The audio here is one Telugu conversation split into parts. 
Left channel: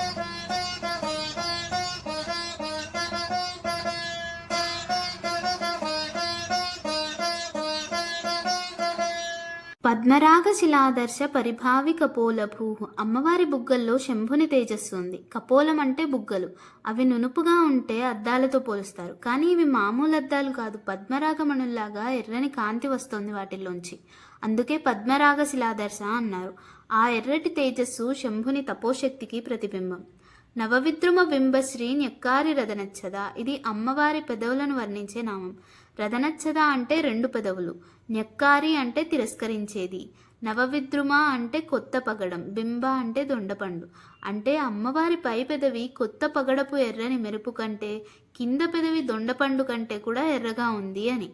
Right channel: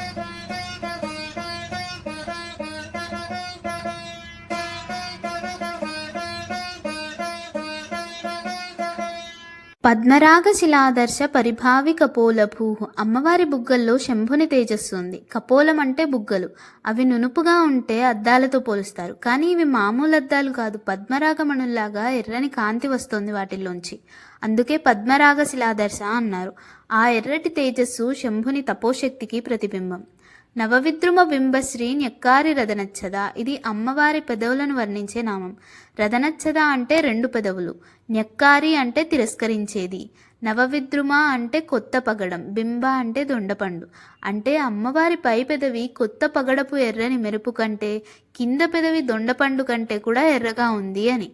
Música పద్మరాగ శిలాదర్శ పరిభావి కపోలభూ అమ్మవారి బుగ్గల్లో శంభుని తేజస్సు ఉంది. కపోలం అంటే బుగ్గలు. అవి నునుపుగా ఉంటే అద్దాలతో పోలుస్తారు. కానీ ఇవి మామూలు అద్దాలు కాదు. పద్మరాగమణుల్లాగా ఎర్రని కాంతి వస్తుంది వాటిల్లోంచి. అందుకే పద్మరాగ శిలాదర్శ అన్నారు. ఆ ఎర్రటి తేజస్సు శంభుని తపోశక్తికి ప్రతిబింబం. నవవిద్రుమ బింబశ్రీ నెక్కారి రథనచ్చద. ఇది అమ్మవారి పెదవులను వర్ణించే నామం. రథనచ్చద అంటే రెండు పెదవులు. నెక్కారి అంటే తిరస్కరించేది. నవవిద్రుమ అంటే కొత్త పగడం. బింబ అంటే దొండపండు. అంటే అమ్మవారి పై పెదవి కొత్త పగడపు ఎర్రని మెరుపు కంటే కింద పెదవి దొండపండు కంటే కూడా ఎర్రగా ఉంది అని.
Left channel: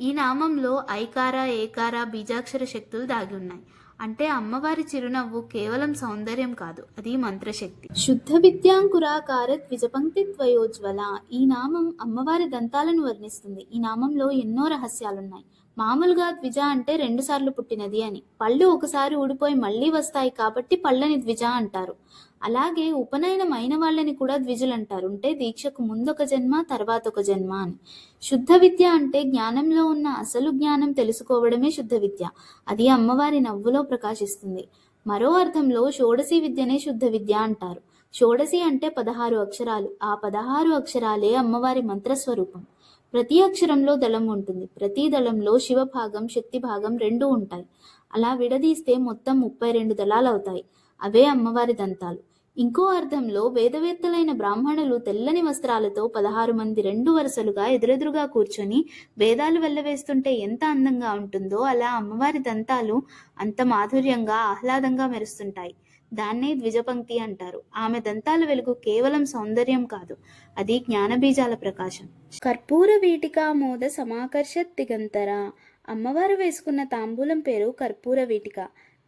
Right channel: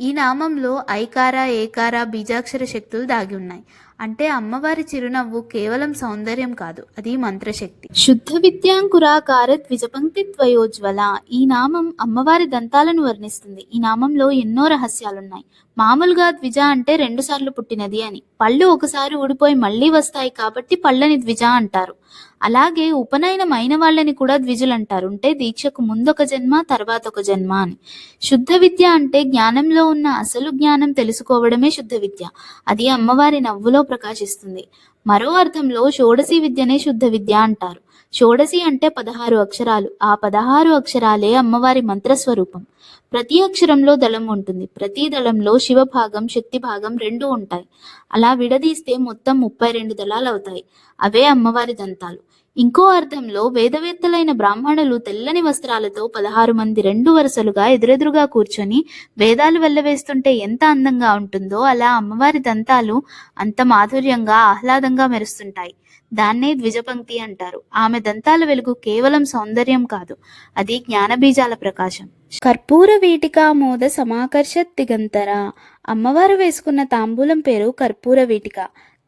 ఈ నామంలో ఐకార ఏకార బీజాక్షర శక్తులు దాగి ఉన్నాయి. అంటే అమ్మవారి చిరునవ్వు కేవలం సౌందర్యం కాదు అది మంత్రశక్తి. శుద్ధ విద్యాంకురాకార ద్విజపంక్తి త్వయోజ్వల. ఈ నామం అమ్మవారి దంతాలను వర్ణిస్తుంది. ఈ నామంలో ఎన్నో రహస్యాలున్నాయి. మామూలుగా ద్విజ అంటే రెండు సార్లు పుట్టినది అని. పళ్ళు ఒకసారి ఊడిపోయి మళ్ళీ వస్తాయి కాబట్టి పళ్ళని ద్విజ అంటారు. అలాగే ఉపనయనం అయిన వాళ్ళని కూడా ద్విజులు అంటారు అంటే దీక్షకు ముందొక జన్మ తర్వాత ఒక జన్మ అని. శుద్ధ విద్య అంటే జ్ఞానంలో ఉన్న అసలు జ్ఞానం తెలుసుకోవడమే శుద్ధ విద్య. అది అమ్మవారి నవ్వులో ప్రకాశిస్తుంది. మరో అర్థంలో షోడశి విద్యనే శుద్ధ విద్య అంటారు. షోడశి అంటే పదహారు అక్షరాలు. ఆ పదహారు అక్షరాలే అమ్మవారి మంత్రస్వరూపం. ప్రతి అక్షరంలో దళం ఉంటుంది. ప్రతి దళంలో శివ భాగం శక్తి భాగం రెండు ఉంటాయి. అలా విడదీస్తే మొత్తం ముప్పై రెండు దళాలు అవుతాయి అవే అమ్మవారి దంతాలు. ఇంకో అర్థంలో వేదవేత్తలైన బ్రాహ్మణులు తెల్లని వస్త్రాలతో పదహారు మంది రెండు వరుసలుగా ఎదురెదురుగా కూర్చొని వేదాలు వెళ్ళవేస్తుంటే ఎంత అందంగా ఉంటుందో అలా అమ్మవారి దంతాలు అంత మాధుర్యంగా ఆహ్లాదంగా మెరుస్తుంటాయి. దాన్నే ద్విజపంక్తి అంటారు. ఆమె దంతాల వెలుగు కేవలం సౌందర్యం కాదు అది జ్ఞానబీజాల ప్రకాశం. కర్పూర వీటికామోద సమాకర్ష దిగంతర. అమ్మవారు వేసుకున్న తాంబూలం పేరు కర్పూర వీటిక.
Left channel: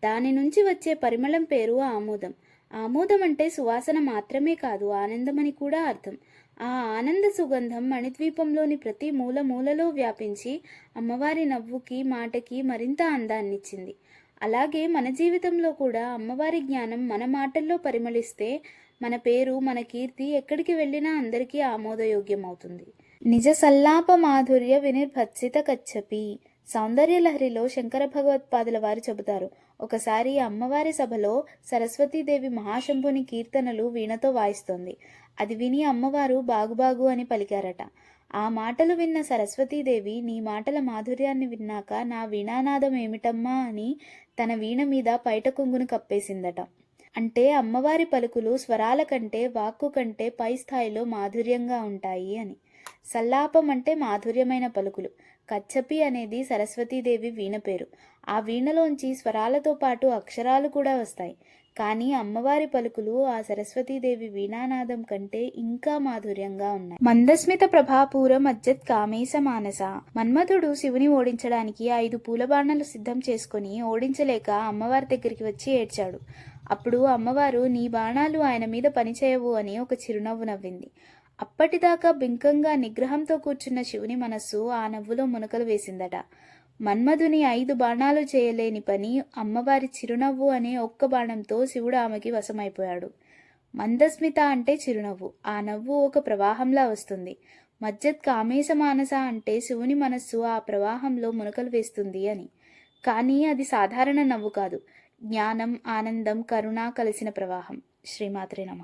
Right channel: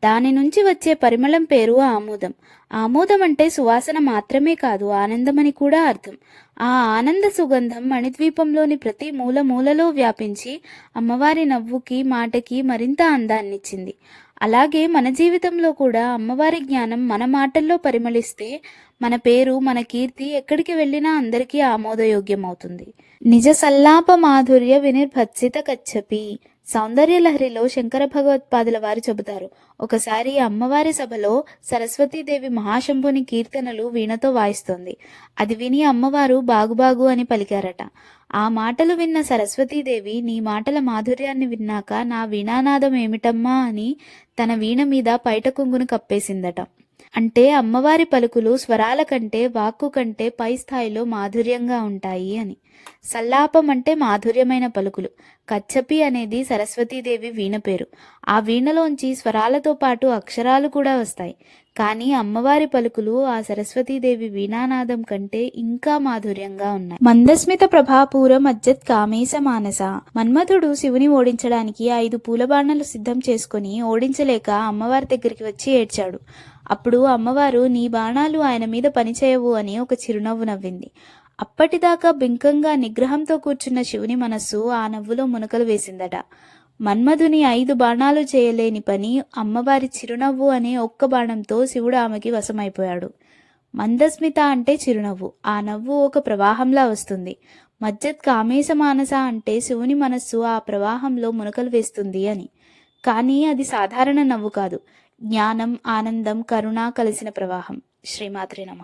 దాని నుంచి వచ్చే పరిమళం పేరు ఆమోదం. ఆమోదం అంటే సువాసన మాత్రమే కాదు ఆనందమని కూడా అర్థం. ఆ ఆనంద సుగంధం మణిద్వీపంలోని ప్రతి మూల మూలలో వ్యాపించి అమ్మవారి నవ్వుకి మాటకి మరింత అందాన్నిచ్చింది. అలాగే మన జీవితంలో కూడా అమ్మవారి జ్ఞానం మన మాటల్లో పరిమళిస్తే మన పేరు మన కీర్తి ఎక్కడికి వెళ్ళినా అందరికీ ఆమోదయోగ్యం అవుతుంది నిజ సల్లాప మాధుర్య వినిర్భత్సిత కచ్చపి. సౌందర్యలహరిలో శంకర భగవత్పాదుల వారు చెబుతారు. ఒకసారి అమ్మవారి సభలో సరస్వతీదేవి మహాశంభుని కీర్తనలు వీణతో వాయిస్తోంది. అది విని అమ్మవారు బాగుబాగు అని పలికారట. ఆ మాటలు విన్న సరస్వతీదేవి నీ మాటల మాధుర్యాన్ని విన్నాక నా వీణానాదం ఏమిటమ్మా అని తన వీణ మీద పైట కొంగును కప్పేసిందట. అంటే అమ్మవారి పలుకులు స్వరాల కంటే వాక్కు కంటే పై స్థాయిలో మాధుర్యంగా ఉంటాయి అని. సల్లాపం అంటే మాధుర్యమైన పలుకులు. కచ్చపి అనేది సరస్వతీదేవి వీణ పేరు. ఆ వీణలోంచి స్వరాలతో పాటు అక్షరాలు కూడా వస్తాయి. కానీ అమ్మవారి పలుకులు ఆ సరస్వతీదేవి వీణానాదం కంటే ఇంకా మాధుర్యంగా ఉన్నాయి. మందస్మిత ప్రభాపూరం అజ్జత్ కామేశ మానస. మన్మథుడు శివుని ఓడించడానికి ఐదు పూలబాణలు సిద్ధం చేసుకుని ఓడించలేక అమ్మవారి దగ్గరికి వచ్చి ఏడ్చాడు. అప్పుడు అమ్మవారు నీ బాణాలు ఆయన మీద పనిచేయవు అని ఒక చిరునవ్వు నవ్వింది. అప్పటిదాకా బింకంగా నిగ్రహంతో కూర్చున్న శివుని మనస్సు ఆ నవ్వులో మునకలు వేసిందట. మన్మధుని ఐదు బాణాలు చేయలేని పని అమ్మవారి చిరునవ్వు అనే ఒక్క బాణంతో శివుడు ఆమెకి వశమైపోయాడు. మందస్మిత అంటే చిరునవ్వు. ఆ నవ్వు ఒక ప్రవాహంలా వస్తుంది. మజ్జత్ కామేశ మానస అంటే శివుని మనస్సు ఆ ప్రవాహంలో మునకలు వేస్తుంది అని. కానీ అది సాధారణ నవ్వు కాదు. జ్ఞానం ఆనందం కరుణ కలిసిన ప్రవాహం. శ్రీమాత్రే నమ.